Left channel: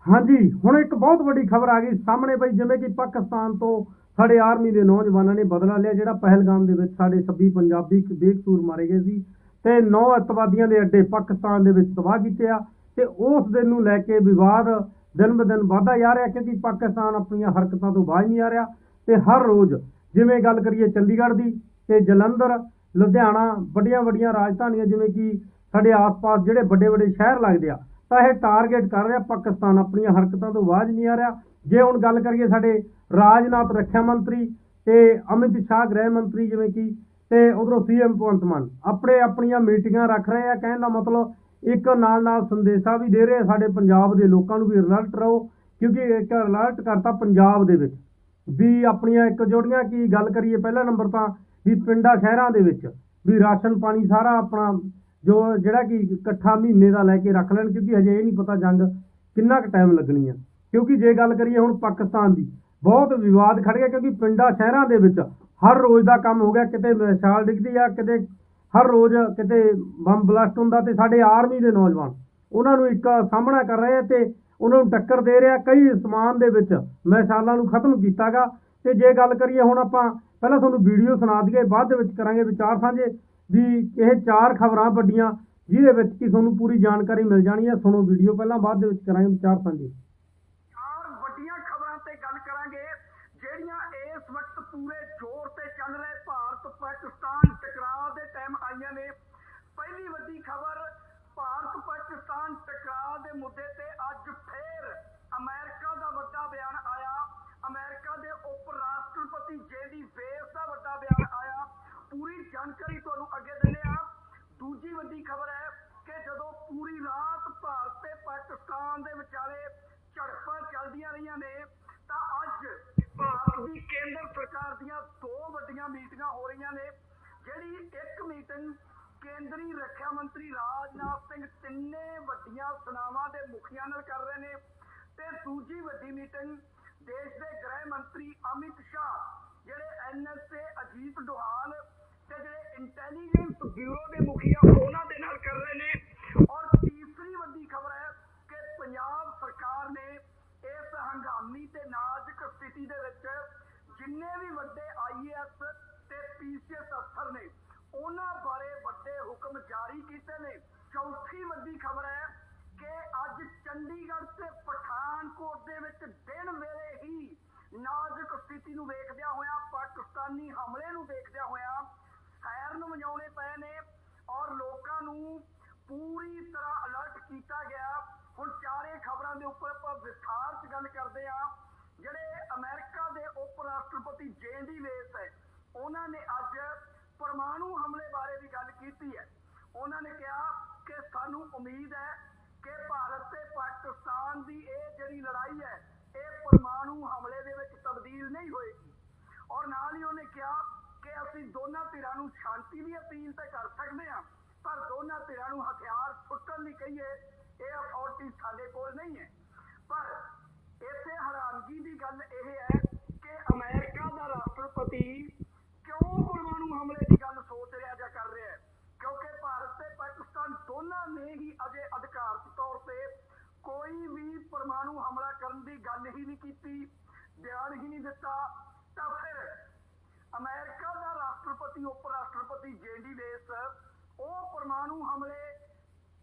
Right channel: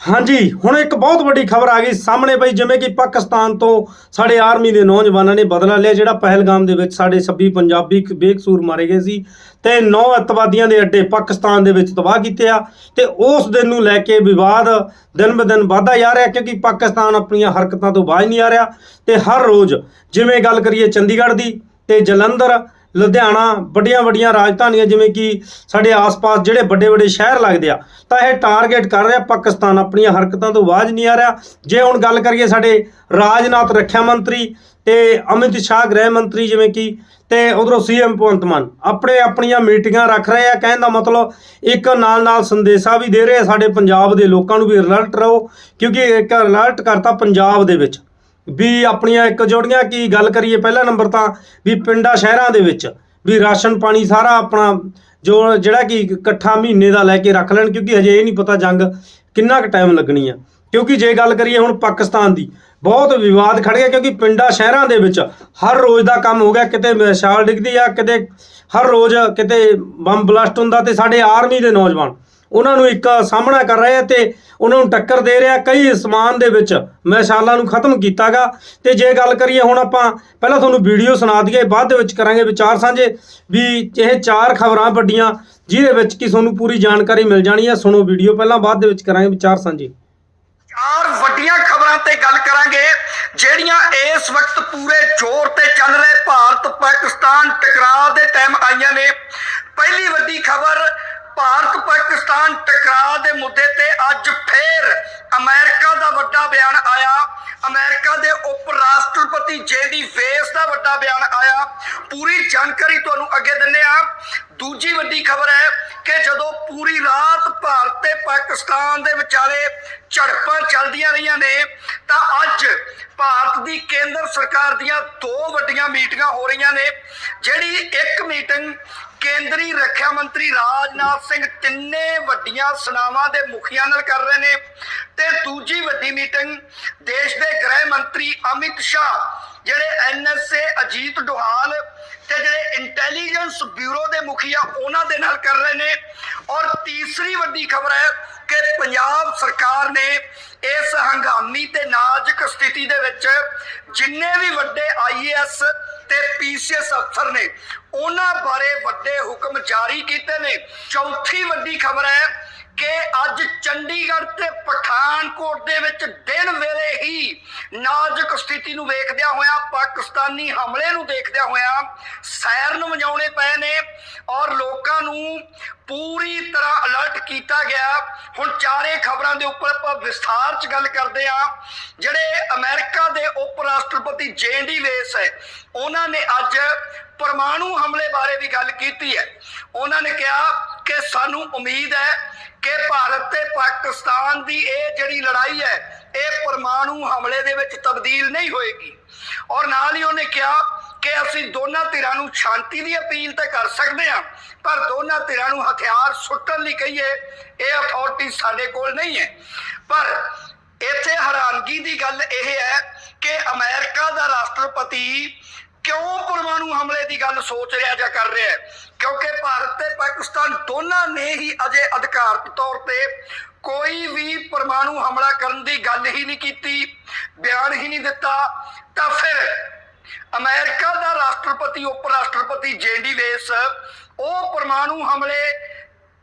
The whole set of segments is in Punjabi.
ਹਾਂਜੀ, ਹੁਣ ਇੱਕ ਬਹੁਤ ਵੱਡੀ ਖਬਰ ਆ ਗਈ ਸਾਹਮਣੇ ਬਈ ਜਿਵੇਂ ਕਿ ਪਾਕਿਸਤਾਨ ਤੋਂ ਸਾਡੇ ਆਰਮੀ ਦੇ ਨੌਜਵਾਨਾਂ ਨੇ ਬਦਲਾ ਲਿਆ, ਜਿਹੜਾ ਪਹਿਲਗਾਮ ਦੇ ਵਿੱਚ ਸਾਡੇ 26 ਪੰਜਾਬੀ ਬੇਕਸੂਰ ਮਾਰੇ ਗਏ ਸੀ ਤੇ ਨੌ ਅੱਤਵਾਦੀਆਂ ਦੇ ਅੱਡੇ ਪਾਕਿਸਤਾਨ ਦੇ ਵਿੱਚ ਤਬਾਹ ਕੀਤੇ ਆ ਤੇ ਉਸ ਦਿਨ ਨੂੰ ਲੈ ਕੇ ਵਿਵਾਦ ਦਿਨ ਬ ਦਿਨ ਵਧਦਾ ਜਾ ਰਿਹਾ, ਕਿਉਂਕਿ ਪਾਕਿਸਤਾਨ ਆਪਣੀਆਂ ਹਰਕਤਾਂ ਤੋਂ ਬਾਜ ਨਹੀਂ ਆ ਰਿਹਾ ਤੇ ਹਰ ਰੋਜ਼ ਜਿਵੇਂ ਗੱਲ ਕਰੀਏ ਚੰਡੀਗੜ੍ਹ ਦੀ ਤੇ ਜਲੰਧਰ ਲੁਧਿਆਣਾ, ਵੱਡੀਆਂ ਵੱਡੀਆਂ ਰਾਜਧਾਨੀਆਂ ਜਿਵੇਂ ਕਿ ਸਾਡੇ ਆਸ-ਪਾਸ ਜਿਹੜੇ ਵੱਡੇ ਵੱਡੇ ਸ਼ਹਿਰ ਲੱਗਦੇ ਆ, ਤਾਂ ਇਹ ਟਾਰਗੇਟ ਕਰ ਰਿਹਾ ਪਾਕਿਸਤਾਨ। ਆਪਣੀਆਂ ਹਰਕਤਾਂ ਤੋਂ ਬਾਜ ਨਹੀਂ ਆ ਰਿਹਾ। ਜੇ ਹੁਣ ਗੱਲ ਕਰੀਏ ਸਾਡੇ ਰਾਜਨਾਥ ਰੱਖਿਆ ਮੰਤਰੀ ਤੇ ਅਮਿਤ ਸ਼ਾਹ ਗ੍ਰਹਿ ਮੰਤਰੀ ਜਿਵੇਂ ਕਿ, ਤੇ ਉਧਰੋਂ ਸੀਐਮ ਭਗਵੰਤ ਮਾਨ, ਆਪਣੇ ਆਪਣੀਆਂ ਮੀਟਿੰਗਾਂ ਰੱਖ ਰਹੇ ਆ। ਕਹਿਣ ਦਾ ਮਤਲਬ ਇੱਕ ਨਾਲ ਨਾਲ ਸੰਦੇਸ਼ਾ ਵੀ ਦੇ ਰਹੇ ਆ ਸਾਡੇ ਪੰਜਾਬ ਦੇ ਲੋਕਾਂ ਨੂੰ ਵੀ ਅਲਰਟ ਰਹੋ, ਕਿਉਂਕਿ ਇੱਕ ਅਲਰਟ ਕਰਤਾ ਪੰਜਾਬ ਦੇ ਵਿੱਚ। ਵੀ ਆਪਣੀਆਂ ਇੱਕ ਜੋੜੀਆਂ ਕੀ ਗੱਲ ਕਰੀਏ ਪਹਿਲਾ ਨੰਬਰ ਤਾਂ ਵੀ ਪਿੰਡਾਂ ਸ਼ਹਿਰਾਂ ਦੇ ਵਿੱਚ ਵੀ ਰਾਸ਼ਨ ਪਾਣੀ ਸਾਰਾ ਆਪਣਾ ਜੋ ਜਿਹੜਾ ਕਿ ਇਕੱਠਾ ਮਹੀਨੇ ਦਾ ਲੈ ਕੇ ਰੱਖ ਲੈਣ ਕਿਉਂਕਿ ਹਜੇ ਇਹ ਨਹੀਂ ਪਤਾ ਜੰਗ ਕਿੰਨਾ ਕੁ ਟਾਈਮ ਲੱਗਣੀ ਆ। ਕਿਉਂਕਿ ਜੇ ਗੱਲ ਕਰੀਏ ਹੁਣ ਪਾਕਿਸਤਾਨ ਦੀ, ਬਹੁਤ ਵਿਵਾਦ ਖੜ ਗਿਆ ਕਿਉਂਕਿ ਪਿੰਡਾਂ ਸ਼ਹਿਰਾਂ ਦੇ ਵਿੱਚ ਹਰ ਰੋਜ਼ ਦਾ ਕੰਮ ਹੋ ਗਿਆ, ਕਿਤੇ ਮਿਸਾਲ ਡਿੱਗਦੀ ਆ, ਕਿਤੇ ਹਰ ਰੋਜ਼ ਕਿਤੇ ਬੰਬ ਬਲਾਸਟ ਹੁੰਦਾ ਤੇ ਸਾਡੇ ਆਰਮੀ ਦੇ ਨੌਜਵਾਨ ਉਹਨਾਂ ਨੂੰ ਇੱਕ ਸਾਹਮਣਾ ਕਰ ਰਹੇ ਤੇ ਉਹਨਾਂ ਨੂੰ ਟੱਕਰ ਦੇ ਰਿਹਾ ਕਈ ਸਮਾਨ ਦੇ ਵਿੱਚ ਮਿਸਾਲਾਂ ਨੂੰ ਖਤਮ ਕੀਤਾਗਾ। ਤੇ ਜੇ ਗੱਲ ਕਰੀਏ ਹੁਣ ਆਪਾਂ, ਪਹਿਲਾਂ ਤੁਹਾਨੂੰ ਵੀਡੀਓ ਸੁਣਾ ਦਈਏ, ਬਾਅਦ ਦੇ ਵਿੱਚ ਕਰਾਂਗੇ ਵਿਚਾਰ ਸਾਂਝੇ। ਵੀ ਇਹ ਚਾਰ ਖਬਰਾਂ ਵੱਡੀਆਂ, ਜਿਹਦੇ ਵਿੱਚ ਕਿ ਤੁਹਾਨੂੰ ਪੂਰੀ ਜਾਣਕਾਰੀ ਮਿਲ ਜਾਣੀ ਹੈ। ਸੁਣੋ ਵੀਡੀਓ ਪਹਿਲਾਂ, ਬਾਅਦ ਦੇ ਵਿੱਚ ਕਰਾਂਗੇ ਵਿਚਾਰ ਸਾਂਝੇ। ਚਾਰ ਵੱਡੀਆਂ ਖਬਰਾਂ ਤੇ ਗੱਲ ਕਰਾਂਗੇ, ਜਿਹੜੀਆਂ ਇਸ ਵਕਤ ਪੂਰੇ ਜ਼ੋਰ ਤੇ ਚੱਲ ਰਹੇ ਭਾਰਤ ਪਾਕਿਸਤਾਨ ਟਕਰਾਅ ਦੇ ਟਾਈਮ ਆਈਆਂ ਨੇ ਪਹਿਲੀ ਵੱਡੀ ਖਬਰ ਭਾਰਤ ਪਾਕਿਸਤਾਨ ਟਕਰਾਅ ਦੇ ਮੁੱਦੇ ਤੇ ਅੱਜ ਫੇਰ ਅਮਰੀਕਾ ਦਾ ਵੱਡਾ ਬਿਆਨ ਆਇਆ ਅਮਰੀਕਾ ਦੇ ਉਪ ਰਾਸ਼ਟਰਪਤੀ ਜੇਡੀ ਵੇਸ ਦਾ ਵੱਡਾ ਬਿਆਨ ਆਇਆ ਪੂਰੀ ਜਾਣਕਾਰੀ ਤੁਹਾਨੂੰ ਅੱਗੇ ਦਿੰਨੇ ਆ ਦੂਜੀ ਵੱਡੀ ਖਬਰ ਹੈ ਕਿ ਜਦੋਂ ਪੂਰੀ ਰਾਤ ਭਾਰਤ ਤੇ ਪਾਕਿਸਤਾਨ ਦੇ ਵਿਚਾਲੇ ਝੜਪਾਂ ਚੱਲਦੀਆਂ ਰਹੀਆਂ ਨੇ, ਤਾਂ ਅੱਜ ਭਾਰਤ ਦੀ ਕੇਂਦਰ ਸਰਕਾਰ ਦੀਆਂ ਦੋ ਵੱਡੀਆਂ ਮੀਟਿੰਗਾਂ ਹੋ ਰਹੀਆਂ ਨੇ, ਜਿਹੜੀ ਇੱਕ ਮੀਟਿੰਗ ਕੇਂਦਰੀ ਰੱਖਿਆ ਮੰਤਰੀ ਰਾਜਨਾਥ ਸਿੰਘ ਤਿੰਨੇ ਵੱਡੀਆਂ ਸੈਨਾਵਾਂ ਦੇ ਮੁਖੀਆਂ ਨਾਲ ਕਰ ਰਹੇ ਨੇ ਤੇ ਦੂਜੀ ਵੱਡੀ ਮੀਟਿੰਗ ਦੇਸ਼ ਦੇ ਗ੍ਰਹਿ ਮੰਤਰੀ ਅਮਿਤ ਸ਼ਾਹ, ਜਿਹੜੇ ਐਨਐਸਏ ਅਜੀਤ ਡੋਹਾਲ ਤੇ ਜਿਹੜੇ ਇੰਟੈਲੀਜੈਂਸ ਬਿਊਰੋ ਦੇ ਮੁਖੀਆ ਉਹਨਾਂ ਦੇ ਨਾਲ ਕਰ ਰਹੇ ਨੇ ਔਰ ਤੀਸਰੀ ਵੱਡੀ ਖਬਰ ਹੈ ਕਿ ਪੰਜਾਬ ਸਰਕਾਰ ਨੇ ਇਸ ਹੰਗਾਮੀ ਤੇ ਨਾਜ਼ੁਕ ਸਥਿਤੀ ਦੇ ਵਿੱਚ ਜਿੰਨੇ ਵੀ ਵੱਡੇ ਆਈਏਐਸ ਤੇ ਪੀਸੀਐਸ ਅਫਸਰ ਨੇ। ਉਹਨਾਂ ਬਾਰੇ ਵੱਡੇ ਹੁਕਮ ਜਾਰੀ ਕੀਤੇ ਨੇ। ਚੌਥੀ ਵੱਡੀ ਖਬਰ ਹੈ ਕਿ ਅੱਜ ਚੰਡੀਗੜ੍ਹ ਤੇ ਪਠਾਨਕੋਟ ਦੇ ਵਿੱਚ ਦਿਨ ਵੇਲੇ ਹੀ ਨਾਜ਼ੁਕ ਸਥਿਤੀ ਨੂੰ ਵੇਖਦਿਆਂ ਹੋਇਆ, ਪਾਕਿਸਤਾਨੀ ਹਮਲੇ ਨੂੰ ਦੇਖਦਿਆਂ ਹੋਇਆਂ ਸਾਇਰਨ ਵਜਾਉਣੇ ਪਏ ਨੇ ਔਰ ਲੋਕਾਂ ਨੂੰ ਪੂਰੀ ਤਰ੍ਹਾਂ ਅਲਰਟ ਕੀਤਾ ਗਿਆ। ਹੁਣ ਚਾਰੇ ਖਬਰਾਂ ਦੇ ਉੱਪਰ ਆਪਾਂ ਵਿਸਥਾਰ 'ਚ ਗੱਲ ਕਰਦੇ ਆ ਜਿਹੜੇ ਅਮਰੀਕਾ ਦੇ ਉਪ ਰਾਸ਼ਟਰਪਤੀ ਜੇਡੀ ਵੇਸ ਹੈ, ਉਹਨਾਂ ਨੇ ਅੱਜ ਪਰਮਾਣੂ ਹਮਲੇ ਬਾਰੇ ਵੀ ਗੱਲ ਕੀਤੀ ਹੈ। ਉਹਨਾਂ ਨੇ ਕਿਹਾ ਕਿ ਸਾਨੂੰ ਉਮੀਦ ਹੈ ਕਿ ਭਾਰਤ ਤੇ ਪਾਕਿਸਤਾਨ ਦੀ ਇਹ ਜਿਹੜੀ ਲੜਾਈ ਹੈ, ਇਹ ਪਰਮਾਣੂ ਹਮਲੇ ਦੇ ਵਿੱਚ ਤਬਦੀਲ ਨਹੀਂ ਹੋਏਗੀ। ਔਰ ਨਾਲ ਹੀ ਉਹਨੇ ਕਿਹਾ ਕਿ ਅਸੀਂ ਦੋਨਾਂ ਧਿਰਾਂ ਨੂੰ ਸ਼ਾਂਤੀ ਦੀ ਅਪੀਲ ਤਾਂ ਕਰ ਸਕਦੇ ਹਾਂ, ਪਰ ਦੋਨਾਂ ਧਿਰਾਂ ਨੂੰ ਹਥਿਆਰ ਸੁੱਟਣ ਲਈ ਕਹੀਏ, ਇਹ ਅਥਾਰਟੀ ਸਾਡੇ ਕੋਲ ਨਹੀਂ ਹੈ। ਪਰ ਇੱਥੇ ਹੈਰਾਨਗੀ ਦੀ ਗੱਲ ਇਹ ਹੈ ਕਿ ਅਮਰੀਕਾ ਦਾ ਰਾਸ਼ਟਰਪਤੀ ਕਿਉਂ ਪਰਮਾਣੂ ਹਮਲੇ ਦੀ ਗੱਲ ਸੋਚ ਰਿਹਾ ਜਾਂ ਕਰ ਰਿਹਾ ਪਾਕਿਸਤਾਨ ਦੋਨਾਂ ਨੇ ਹੀ ਅਜੇ ਅਧਿਕਾਰਤ ਤੌਰ ਤੇ ਕੋਈ ਵੀ ਪਰਮਾਣੂ ਹਮਲਾ ਕਰਨ ਦੀ ਗੱਲ ਹੀ ਨਹੀਂ ਕੀਤੀ, ਬਿਆਨ ਹੀ ਨਹੀਂ ਦਿੱਤਾ। ਤਾਂ ਫਿਰ ਅਮਰੀਕਾ ਦਾ ਰਾਸ਼ਟਰਪਤੀ ਉਪ ਰਾਸ਼ਟਰਪਤੀ ਜੇਡੀ ਵੇਸ ਉਹ ਪਰਮਾਣੂ ਹਮਲੇ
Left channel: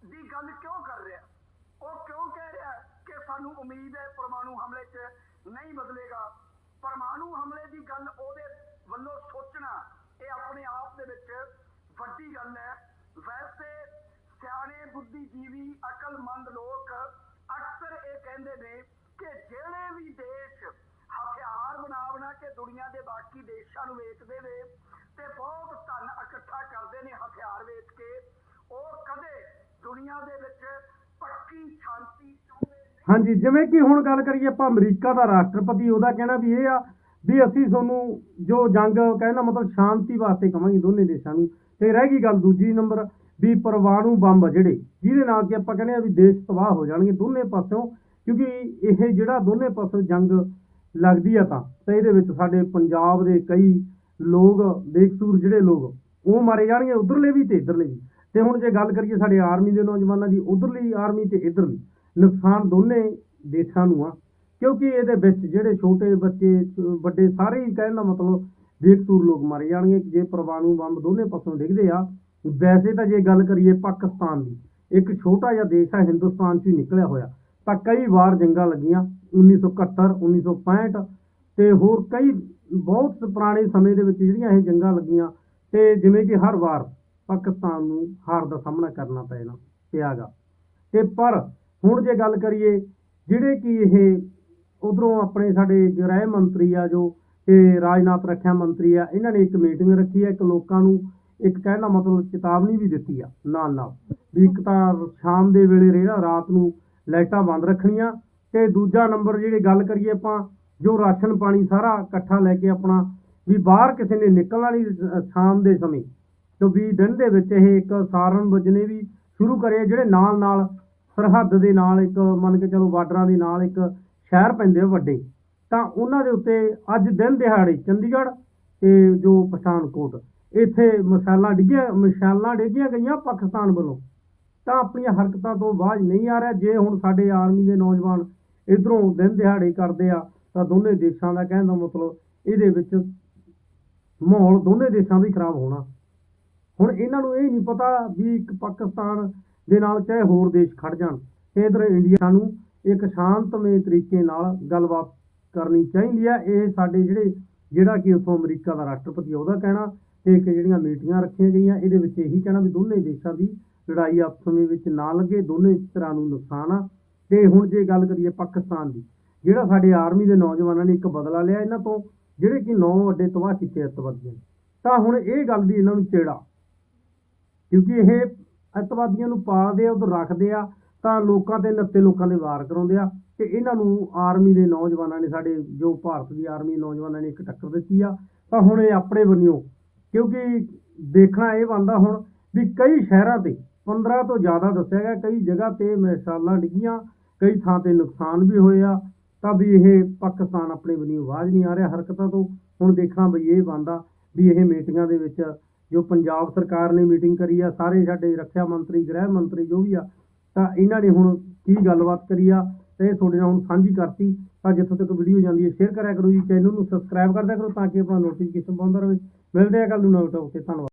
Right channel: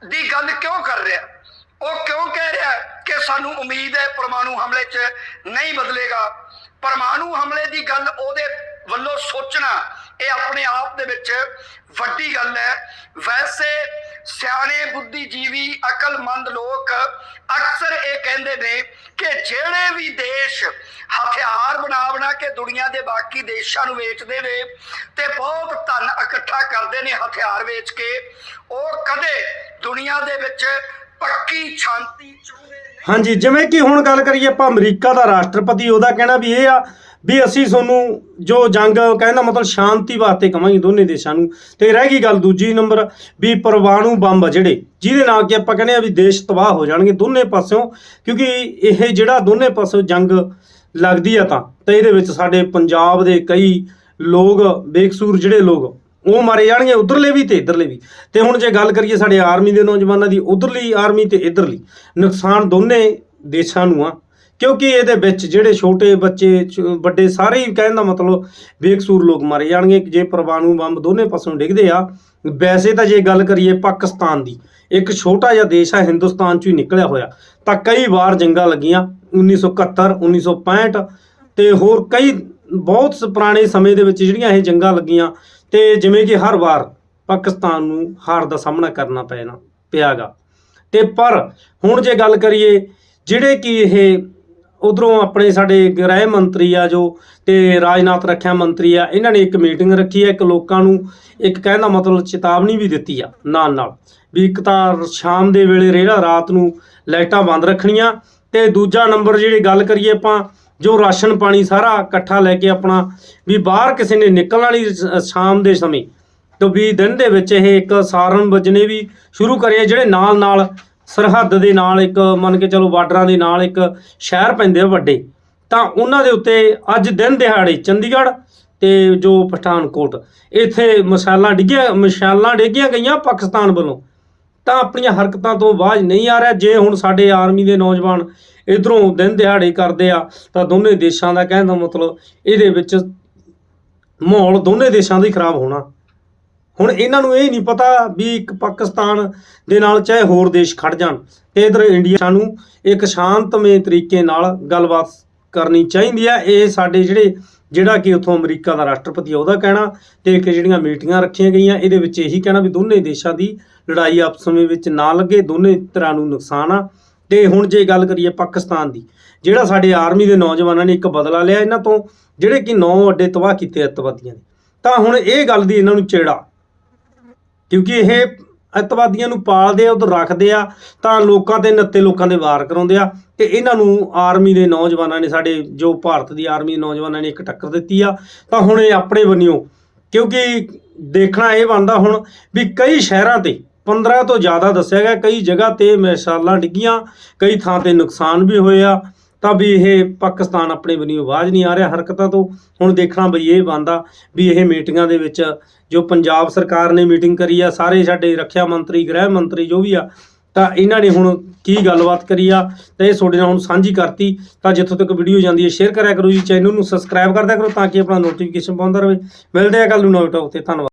ਦੀ ਗੱਲ ਕਿਉਂ ਕਰ ਰਿਹਾ? ਉਹ ਕਿਉਂ ਕਹਿ ਰਿਹਾ ਕਿ ਸਾਨੂੰ ਉਮੀਦ ਹੈ ਪਰਮਾਣੂ ਹਮਲੇ 'ਚ ਨਹੀਂ ਬਦਲੇਗਾ? ਪਰਮਾਣੂ ਹਮਲੇ ਦੀ ਗੱਲ ਉਹਦੇ ਵੱਲੋਂ ਸੋਚਣਾ ਇਹ ਆਪਣੇ ਆਪ ਦੇ ਵਿੱਚ ਵੱਡੀ ਗੱਲ ਹੈ। ਵੈਸੇ ਸਿਆਣੇ ਬੁੱਧੀਜੀਵੀ ਅਕਲਮੰਦ ਲੋਕ ਅਕਸਰ ਇਹ ਕਹਿੰਦੇ ਨੇ ਕਿ ਜਿਹੜੇ ਵੀ ਦੇਸ਼ ਹਥਿਆਰ ਬਣਾ ਬਣਾ ਕੇ ਦੁਨੀਆ ਦੇ ਬਾਕੀ ਦੇਸ਼ਾਂ ਨੂੰ ਵੇਚਦੇ ਨੇ ਤੇ ਬਹੁਤ ਧਨ ਇਕੱਠਾ ਕਰਦੇ ਨੇ ਹਥਿਆਰ ਵੇਚ ਕੇ, ਉਹ ਕਦੇ ਦੁਨੀਆ ਦੇ ਵਿੱਚ ਪੱਕੀ ਸ਼ਾਂਤੀ ਚਾਹੁੰਦੇ ਹਾਂਜੀ, ਜਿਵੇਂ ਕਿ ਹੁਣ ਗੱਲ ਕਰੀਏ ਆਪਾਂ ਅਮਰੀਕਾ ਦਾ ਰਾਸ਼ਟਰਪਤੀ, ਉਹਦਾ ਕਹਿਣਾ ਵੀ ਇਹ ਆ ਵੀ ਅਸੀਂ ਤੁਹਾਨੂੰ ਜੋ ਜੰਗ ਕਹਿੰਦਾ ਮਤਲਬ ਸ਼ਾਂਤੀ ਵਾਸਤੇ ਕਵਾਂਗੇ ਦੋਨੇ ਦੇਸ਼ਾਂ ਨੂੰ। ਤੇ ਰਹਿ ਗਈ ਗੱਲ ਦੂਜੀ ਨੰਬਰ, ਵੀ ਪਰਮਾਣੂ ਬੰਬ ਆ ਜਿਹੜੇ, ਜਿਹਦੇ ਨਾਲ ਕਿ ਆਪਾਂ ਕਹਿੰਦੇ ਆ ਵੀ ਦੇਸ਼ ਤਬਾਹ ਹੋ ਜਾਣਗੇ ਦੋਨੇ ਪਾਸਿਓਂ, ਕਿਉਂਕਿ ਇਹ ਜਿਹੜਾ ਦੋਨੇ ਪਾਸਿਓਂ ਜੰਗ ਲੱਗਦੀ ਆ ਤਾਂ, ਤੇ ਇਹਦੇ ਵਿੱਚ ਸਾਡੇ ਪੰਜਾਬ ਦੇ ਕਈ ਲੋਕ, ਬੇਕਸੂਰ ਜਿਹੜੇ ਲੋਕ, ਉਹ ਮਾਰੇ ਜਾਣਗੇ ਉਧਰਲੇ ਵੀ ਤੇ ਇਧਰਲੇ ਵੀ। ਤੇ ਹੁਣ ਜੇ ਗੱਲ ਕਰੀਏ ਸਾਡੇ ਆਰਮੀ ਦੇ ਨੌਜਵਾਨਾਂ ਦੀ, ਉਧਰਲੀ ਆਰਮੀ ਤੇ ਇਧਰਲੀ, ਨੁਕਸਾਨ ਦੋਨੇ ਦੇਸ਼ਾਂ ਨੂੰ ਆ। ਕਿਉਂਕਿ ਇਹਦੇ ਵਿੱਚ ਜਿਹੜੇ ਛੋਟੇ ਬੱਚੇ ਚ- ਵੱਡੇ ਸਾਰੇ ਹੀ ਕਹਿਣ ਦਾ ਮਤਲਬ ਬੇਕਸੂਰ ਲੋਕ ਮਾਰੇ ਜਾਣਗੇ ਜੇ ਪਰਮਾਣੂ ਬੰਬ ਦੋਨੇ ਪਾਸੋਂ ਡਿੱਗਦੇ ਆ, ਵੈਸੇ ਤਾਂ ਜੇ ਗੱਲ ਕਰੀਏ ਪਾਕਿਸਤਾਨ ਦੀ, ਇੱਕ ਛੋਟਾ ਜਿਹਾ ਦੇਸ਼ ਆ, ਹਿੰਦੁਸਤਾਨ ਚੋਂ ਹੀ ਨਿਕਲਿਆ ਹੋਇਆ। ਤਾਂ ਕਈ ਵਾਰ ਜੰਗਾਂ ਲੱਗੀਆਂ 1971 1965 ਤੇ ਹੋਰ ਕਈ ਬਹੁਤ ਸ- ਪੁਰਾਣੇ ਸਮੇਂ ਦੇ ਵਿੱਚ ਜਿਹੜੀਆਂ ਇਹ ਜੰਗਾਂ ਲੱਗੀਆਂ ਤੇ ਜਿਵੇਂ ਕਿ ਹਰ ਵਾਰ ਪਾਕਿਸਤਾਨ ਨੂੰ ਹਾਰ ਦਾ ਸਾਹਮਣਾ ਕਰਨਾ ਪੈਣਾ, ਪਿਆਗਾ। ਤੇ ਪਰ ਹੁਣ ਜੇ ਗੱਲ ਕਰੀਏ, ਜਿਹੜੇ ਕਿ ਇਹ ਉਧਰੋਂ ਆਪਣੇ ਸਾਡੇ ਗ੍ਰਹਿ ਮੰਤਰੀ ਆ ਜੋ ਤੇ ਰਾਜਨਾਥ ਰੱਖਿਆ ਮੰਤਰੀ ਆ, ਇਹਨਾਂ ਨੇ ਇੱਕ ਮੀਟਿੰਗ ਰੱਖੀ ਹੈ ਇੱਕ ਲੋਕਾਂ ਨੂੰ ਇੱਕ ਕਹਿਣ ਦਾ ਮਤਲਬ ਚੇਤਾਵਨੀ ਵੀ ਦਿੱਤੀ ਆ ਨਾਲ ਨਾਲ ਵੀ ਇੱਕ ਤਾਂ ਸ਼ਾਮ ਦੇ ਵੇਲੇ ਰੇੜਾ ਰਾਤ ਨੂੰ ਲਾਈਟਾਂ ਬੰਦ ਰੱਖਣੀਆਂ ਤੇ ਦੂਜਾ ਨੰਬਰ ਜਿਹੜੀ ਗੱਲ ਕਰੀਏ ਆਪਾਂ, ਜੋ ਰਾਸ਼ਨ ਪਾਣੀ ਸਾਰਾ ਇਕੱਠਾ ਲੈ ਕੇ ਆਪਣਾ ਵੀ ਬਾਹਰ ਕਿਸੇ ਨੇ ਨਿਕਲਣ ਵਾਲੀ ਸ਼ਾਮ ਦੇ ਸਮੇਂ ਤੋਂ ਵੀ ਦਿਨ ਦੇ ਵਿੱਚ ਇਹ ਇੱਕ ਸਾਰਨ ਵਜਨੇ ਵੀ ਸ਼ੁਰੂ ਕਰੇ ਜਿਹੜੇ ਨਾਲ ਨਾਲ ਸਰਹੱਦ ਦੇ ਨਾਲ ਇੱਕ, ਮੰਨ ਕੇ ਚਲੋ ਬਾਰਡਰਾਂ ਦੇ ਨਾਲ ਇੱਕ ਸ਼ਹਿਰ ਪੈਂਦੇ ਆ ਵੱਡੇ, ਤਾਂ ਉਹਨਾਂ ਦੇ ਉੱਤੇ ਅੱਜ ਦਿਨ ਦਿਹਾੜੇ ਚੰਡੀਗੜ੍ਹ ਤੇ ਜੋ ਪਠਾਨਕੋਟ, ਇੱਥੇ ਮਸਾਲਾ ਡਿੱਗੀਆਂ, ਮਸ਼ਾਲਾਂ ਡਿੱਗੀਆਂ ਗਈਆਂ ਪਾਕਿਸਤਾਨ ਵੱਲੋਂ, ਤਾਂ ਆਪਣੀਆਂ ਹਰਕਤਾਂ ਤੋਂ ਬਾਜ਼ ਨਹੀਂ ਆ ਰਿਹਾ, ਜੇ ਹੁਣ ਸਾਡੇ ਆਰਮੀ ਦੇ ਨੌਜਵਾਨ ਇਧਰੋਂ ਦਿਨ ਦਿਹਾੜੇ ਕਰਦੇ ਆ, ਤਾਂ ਦੋਨੇ ਦੇਸ਼ਾਂ ਦਾ ਕਹਿਣ ਦਾ ਮਤਲਬ ਇਹਦੇ ਵਿੱਚ ਮਾਹੌਲ ਦੋਨੇ ਦੇਸ਼ਾਂ ਦਾ ਹੀ ਖਰਾਬ ਹੋਣਾ। ਹੁਣ ਇਹਨਾਂ ਨੂੰ ਇਹ ਨਹੀਂ ਪਤਾ ਵੀ ਇੱਕ ਪਾਕਿਸਤਾਨ ਦੇ ਨਾਲ ਚਾਹੇ ਹੋਰ ਦੇਸ਼ ਖੜ ਜਾਣ। ਤੇ ਇਧਰ ਇੰਡੀਆ ਨੂੰ ਇੱਕ ਸ਼ਾਂਤਮਈ ਤਰੀਕੇ ਨਾਲ ਗੱਲਬਾਤ ਕਰਨੀ ਚਾਹੀਦੀ ਹੈ ਇਹ ਸਾਡੇ ਜਿਹੜੇ, ਜਿਹੜਾ ਕਿ ਉੱਥੋਂ ਅਮਰੀਕਾ ਦਾ ਰਾਸ਼ਟਰਪਤੀ ਆ, ਉਹਦਾ ਕਹਿਣਾ ਤੇ ਇੱਕ ਜਿਹੜੀਆਂ ਮੀਟਿੰਗਾਂ ਰੱਖੀਆਂ ਗਈਆਂ, ਇਹਦੇ ਵਿੱਚ ਇਹੀ ਕਹਿਣਾ ਵੀ ਦੋਨੇ ਦੇਸ਼ਾਂ ਦੀ ਲੜਾਈ ਆਪਸ ਵਿੱਚ ਨਾ ਲੱਗੇ, ਦੋਨੇ ਤਰ੍ਹਾਂ ਨੂੰ ਨੁਕਸਾਨ ਆ। ਤੇ ਹੁਣ ਜੇ ਗੱਲ ਕਰੀਏ ਪਾਕਿਸਤਾਨ ਦੀ, ਜਿਹੜਾ ਸਾਡੇ ਆਰਮੀ ਦੇ ਨੌਜਵਾਨਾਂ ਨੇ ਇੱਕ ਬਦਲਾ ਲਿਆ ਇਹਨਾਂ ਤੋਂ, ਜਿਹੜੇ ਕਿ ਨੌ ਅੱਡੇ ਤਬਾਹ ਕੀਤੇ ਅੱਤਵਾਦੀਆਂ ਨੇ ਤਾਂ ਹੁਣ ਇਹ ਗੱਲ ਦੀ ਇਹਨਾਂ ਨੂੰ ਚੇੜਾ ਕਿਉਂਕਿ ਇਹ ਅੱਤਵਾਦੀਆਂ ਨੂੰ ਪਾਲਦੇ ਆ, ਉਧਰ ਰੱਖਦੇ ਆ, ਤਾਂ ਲੋਕਾਂ ਤੇ ਨੱਤੇ ਲੋਕਾਂ ਦੇ ਵਾਰ ਕਰਾਉਂਦੇ ਆ। ਤੇ ਇਹਨਾਂ ਨੂੰ ਆਰਮੀ ਦੇ ਨੌਜਵਾਨਾਂ ਨੇ, ਸਾਡੇ ਜੋ ਭਾਰਤ ਦੀ ਆਰਮੀ ਦੇ ਨੌਜਵਾਨਾਂ ਨੇ ਇੱਕ ਟੱਕਰ ਦਿੱਤੀ ਆ, ਤਾਂ ਹੁਣ ਇਹ ਆਪਣੇ ਬੰਨਿਓ। ਕਿਉਂਕਿ ਦੇਖਣਾ ਇਹ ਬਣਦਾ ਹੁਣ ਵੀ ਕਈ ਸ਼ਹਿਰਾਂ ਤੇ 15 ਤੋਂ ਜ਼ਿਆਦਾ ਦੱਸਿਆ ਗਿਆ, ਕਈ ਜਗ੍ਹਾ ਤੇ ਮਿਸਾਲਾਂ ਡਿੱਗੀਆਂ, ਕਈ ਥਾਂ ਤੇ ਨੁਕਸਾਨ ਵੀ ਹੋਇਆ ਤਾਂ ਵੀ ਇਹ ਪਾਕਿਸਤਾਨ ਆਪਣੇ ਬੰਨਿਓ ਆਵਾਜ਼ ਨਹੀਂ ਆ ਰਿਹਾ ਹਰਕਤਾਂ ਤੋਂ। ਹੁਣ ਦੇਖਣਾ ਬਈ ਇਹ ਬਣਦਾ ਵੀ ਇਹ ਮੀਟਿੰਗਾਂ ਦੇ ਵਿੱਚ ਜੋ ਪੰਜਾਬ ਸਰਕਾਰ ਨੇ ਮੀਟਿੰਗ ਕਰੀ ਆ, ਸਾਰੇ ਸਾਡੇ ਰੱਖਿਆ ਮੰਤਰੀ, ਗ੍ਰਹਿ ਮੰਤਰੀ ਜੋ ਵੀ ਆ, ਤਾਂ ਇਹਨਾਂ ਨੇ ਹੁਣ ਕੀ ਗੱਲਬਾਤ ਕਰੀ ਆ ਤਾਂ ਇਹ ਤੁਹਾਡੇ ਨਾਲ ਹੁਣ ਸਾਂਝੀ ਕਰਤੀ। ਤਾਂ ਜਿੱਥੋਂ ਤੱਕ ਵੀਡੀਓ ਜਾਂਦੀ ਹੈ, ਸ਼ੇਅਰ ਕਰਿਆ ਕਰੋ ਜੀ, ਚੈਨਲ ਨੂੰ ਸਬਸਕ੍ਰਾਈਬ ਕਰਦਿਆ ਕਰੋ ਤਾਂ ਕਿ ਆਪਣਾ ਨੋਟੀਫਿਕੇਸ਼ਨ ਪਾਉਂਦਾ ਰਹੇ। ਮਿਲਦੇ ਆ ਕੱਲ ਨੂੰ ਨਵੇਂ ਟੌਪ ਤੇ, ਧੰਨਵਾਦ।